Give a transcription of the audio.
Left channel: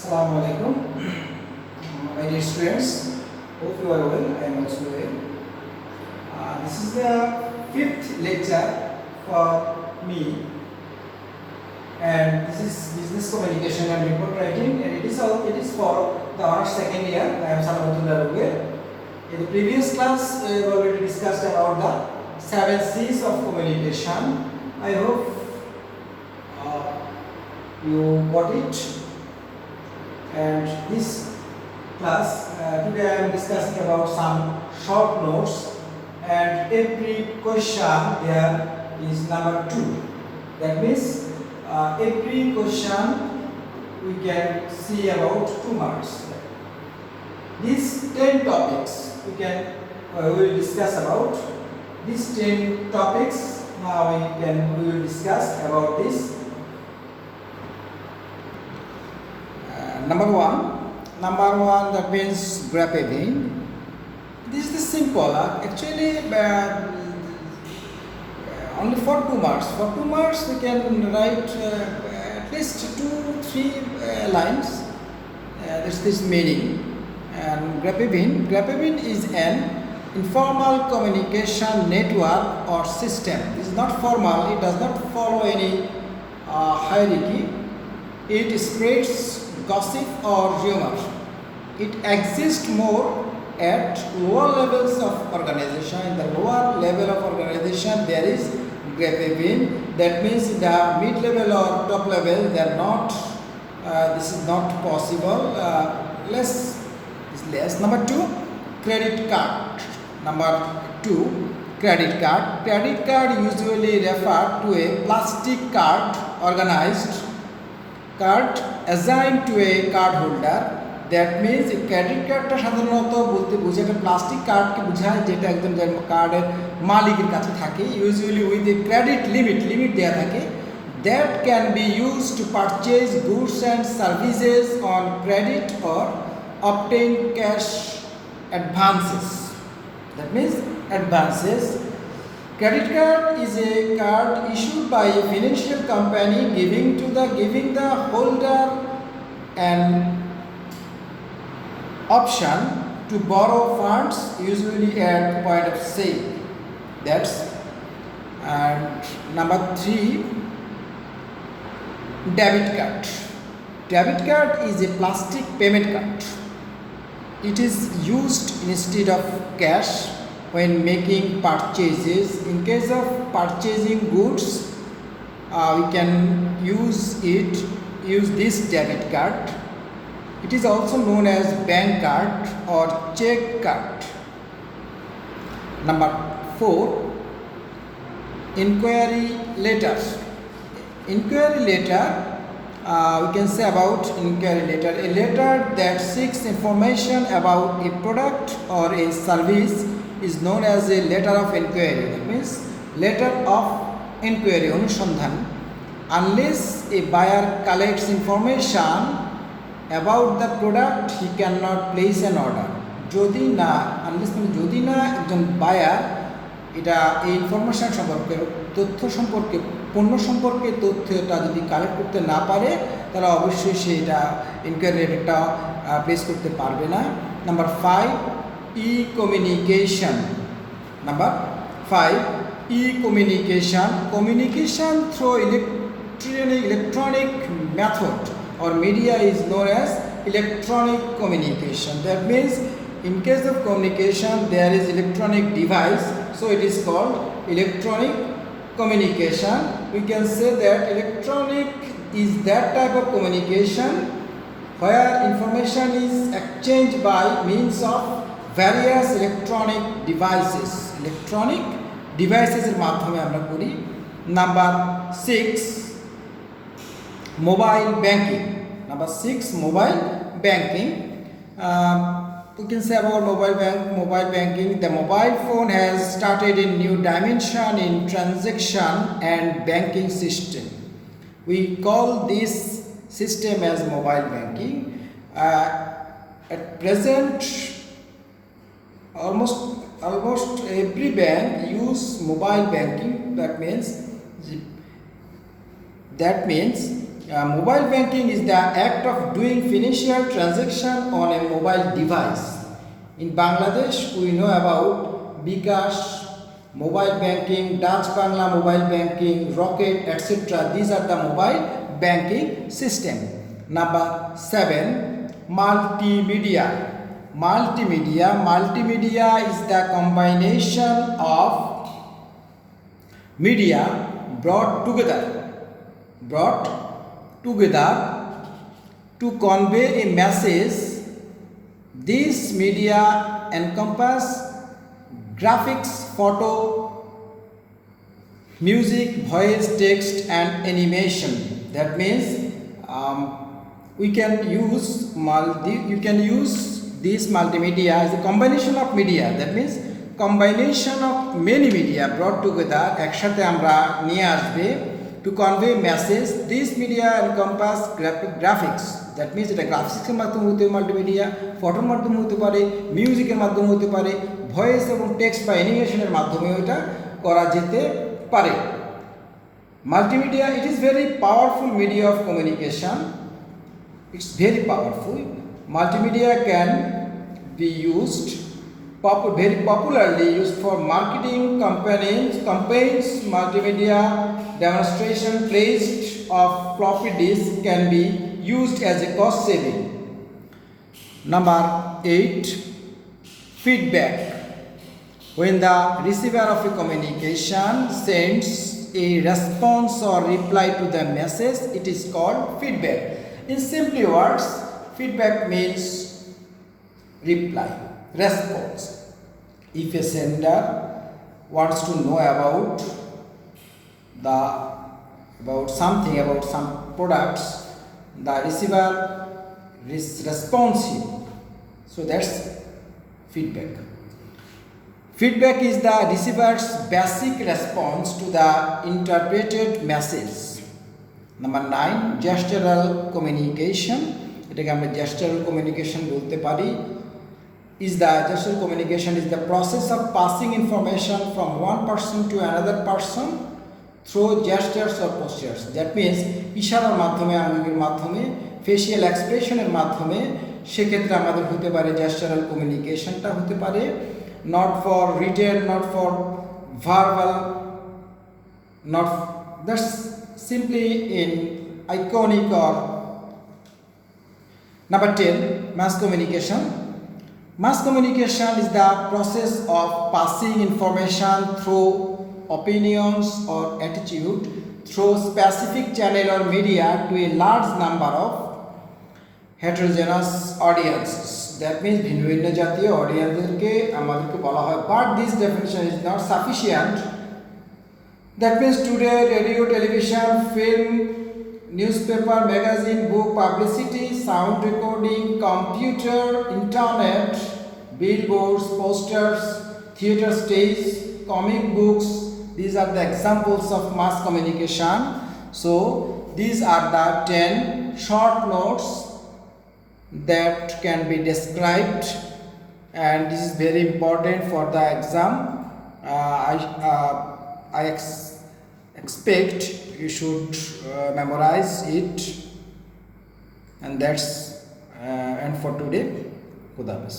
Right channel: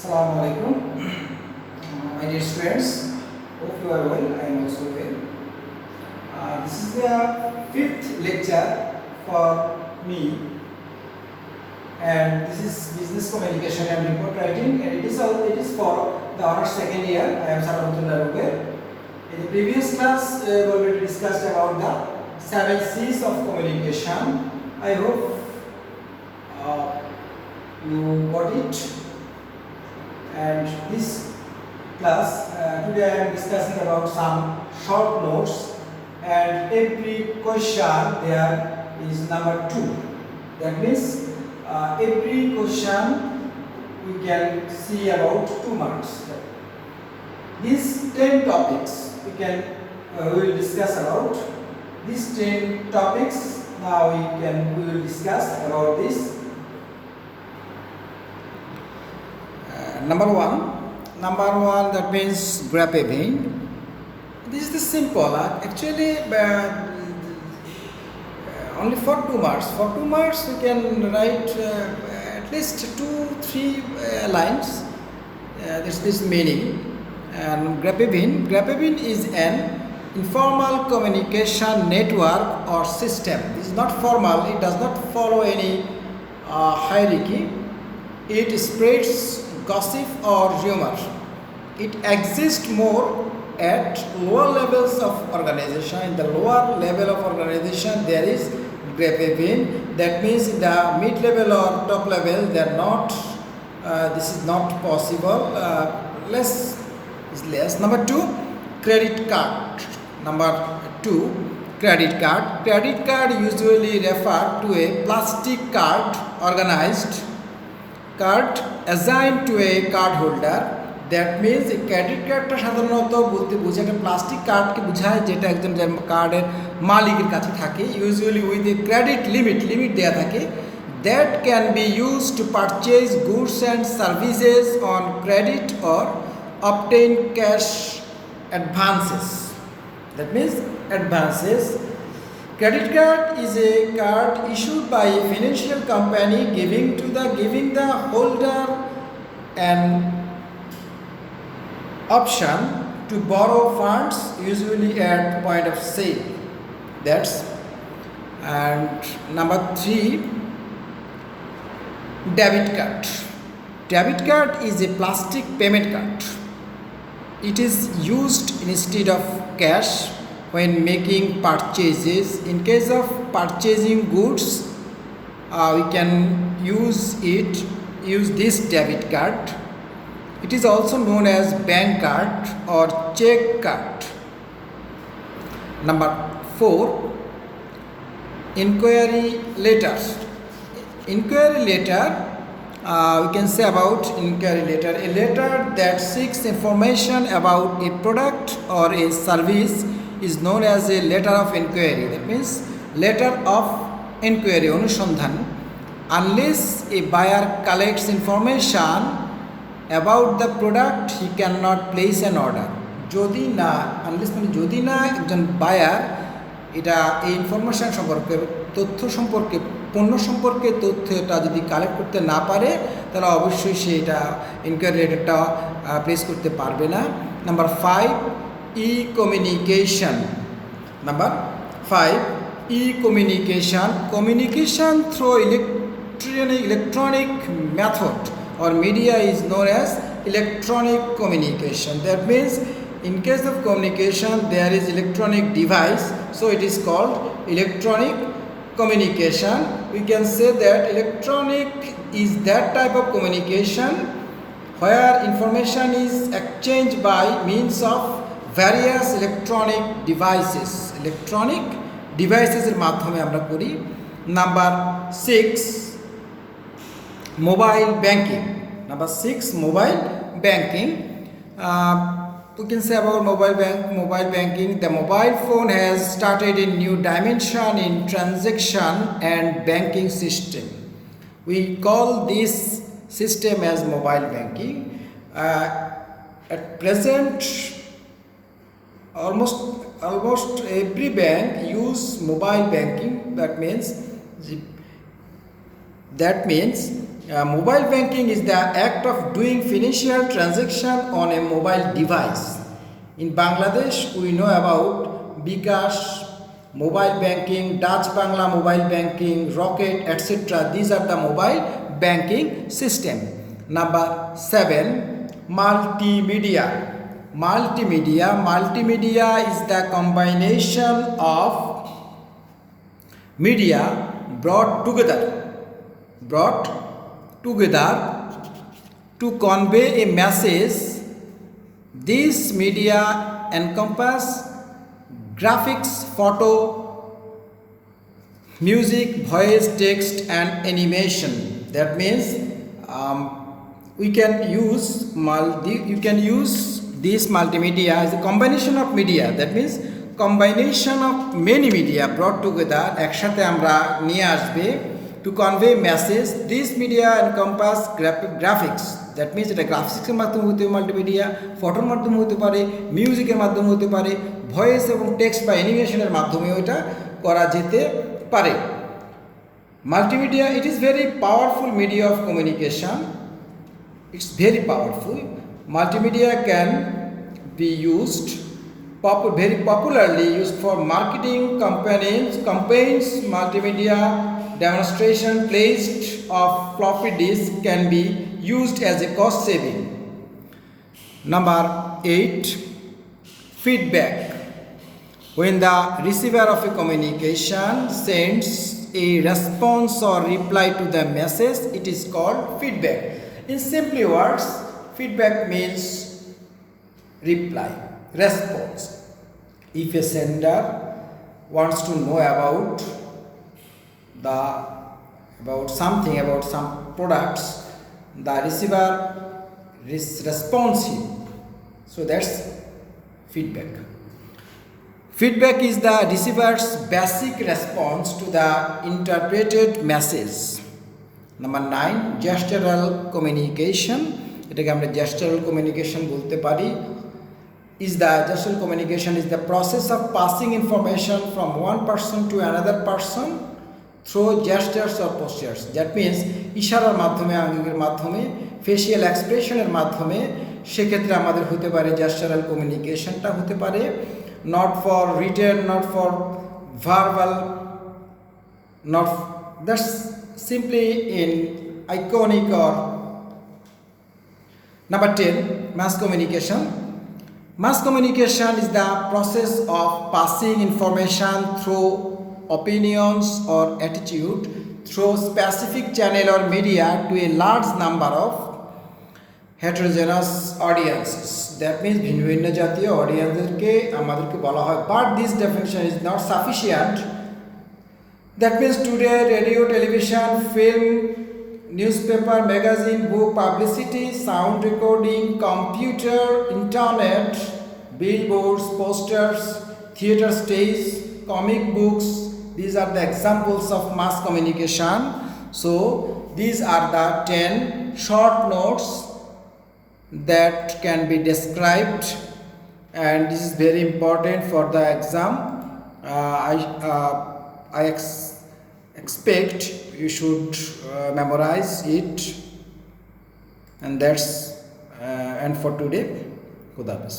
Assalamu alaikum, my dear students. Hope you are well. I am also well. This is the fifth lecture for me, and this is business communication and report writing, and it is for the honors second year. I am Salamatullah Ruge. In the previous class, we already discussed about the 7 C's of communication. I hope you got it. And this class today I am discussing about some short notes, and every question there is number 2. That means every question we can see about 2 marks. These 10 topics we will discuss about. These 10 topics now we will discuss about this. Number one, that means graphing. This is the simple. Actually, only for 2 marks. For 2 marks, we can write at least 2-3 lines. This meaning. And graphing is an informal communication network or system. It is not formal. It does not follow any hierarchy. It spreads gossip or rumor. It exists more at lower levels of organization. In the lower level of organization, there is graphing. That means the mid level or top level, they are not. This is not possible. Less is less. Number 2, credit card. Number 2, credit card. Credit card usually refer to a plastic card organized card assigned to a card holder. That means a credit cardটা সাধারণত বলতে বোঝায় একটা plastic কার্ডকে বোঝায় যেটা একদম যে কার্ডের মালিকের কাছে থাকে, usually with a credit limit দেয়া থাকে, that can be used to purchase goods and services on credit or obtain cash advances. That means advances. Credit card is a card issued by a financial company giving the holder an option to borrow funds, usually at point of sale. That's and number 3, debit card. Debit card is a plastic payment card. It is used instead of cash when making purchases. In case of purchasing goods, we can use this debit card. It is also known as bank card or check card. Number 4, inquiry letter. Inquiry letter, we can say about inquiry letter, a letter that seeks information about a product or a service is known as a letter of inquiry. That means letter of inquiry, অনুসন্ধান. Unless a buyer collects information about the product, he cannot place an order. যদি না একজন buyer এটা এই information সম্পর্কে পণ্য সম্পর্কে তথ্যটা যদি কালেক্ট করতে না পারে, তাহলে অবশ্যই সে এটা ইনকোয়ারি লেটারটা প্লেস করতে পারবে না। Number 5, e-communication. Number 5, e-communication. Communication through electronic method or media is known as electronic communication. That means in case of communication there is electronic device, so it is called electronic communication. We can say that electronic is that type of communication where information is exchanged by means of various electronic devices. Electronic devices এর মাধ্যমে আমরা করি। Number 6, mobile banking. Number 6, mobile banking. We can say about mobile banking. The mobile phone has started a new dimension in transaction and banking system. We call this system as mobile banking. At present, almost every bank use mobile banking. That means Mobile banking is the act of doing financial transaction on a mobile device. In Bangladesh, we know about Bikash, mobile banking, Dutch Bangla mobile banking, Rocket, etc. These are the mobile banking system. Number 7, multimedia. Multimedia is the combination of media brought together to convey a message. These media encompass graphics, photo, music, voice, text, and animation. That means you can use this multimedia as a combination of media. That means combination of many media brought together একসাথে আমরা নিয়ে আসবে to convey message. This media encompass graphics. That means এটা গ্রাফিক্সের মাধ্যমে হতে পারে, multimedia ফটোর মাধ্যমে হতে পারে, মিউজিকের মাধ্যমে হতে পারে, ভয়েস এবং টেক্সট বা অ্যানিমেশনের মাধ্যমে এটা করা যেতে পারে। Multimedia, it is very powerful media of communication. It's very powerful. Multimedia can be used very popularly used for marketing campaigns. Multimedia demonstration placed of floppy disk can be used as a cost saving. Number 8, feedback. When the receiver of a communication sends a response or reply to the message, it is called feedback. In simple words, feedback means reply, response. If a sender wants to know about some products, the receiver is responsive. So that's feedback. Feedback is the receiver's basic response to the interpreted message. Number 9, gestural communication. এটাকে আমরা gestural communication বলতে পারি। Gestural communication is the process of passing information from one person to another person through gestures or postures. That means ইশারার মাধ্যমে, আঙ্গুলের মাধ্যমে, facial এক্সপ্রেশনের মাধ্যমে, সেক্ষেত্রে আমাদের হতে পারে gestural communicationটা হতে পারে, not for written, not for verbal, that's simply in iconic or. Number 10, mass communication. Mass communication is the process of passing information through opinions or attitude through specific channel or media to a large number of heterogeneous audiences. That means ভিন্ন জাতীয় অডিয়েন্সদেরকে আমাদেরকে বলা হয়, but this definition is not sufficient. That means today radio, television, film, newspaper, magazine, book, publicity, sound recording, computer, internet, billboards, posters, theater stage, comic books, these are the examples of mass communication. So these are the 10 short notes that can be described, and this is very important for the exam. I expect you should memorize it, and that's and for today, Khuda Hafiz.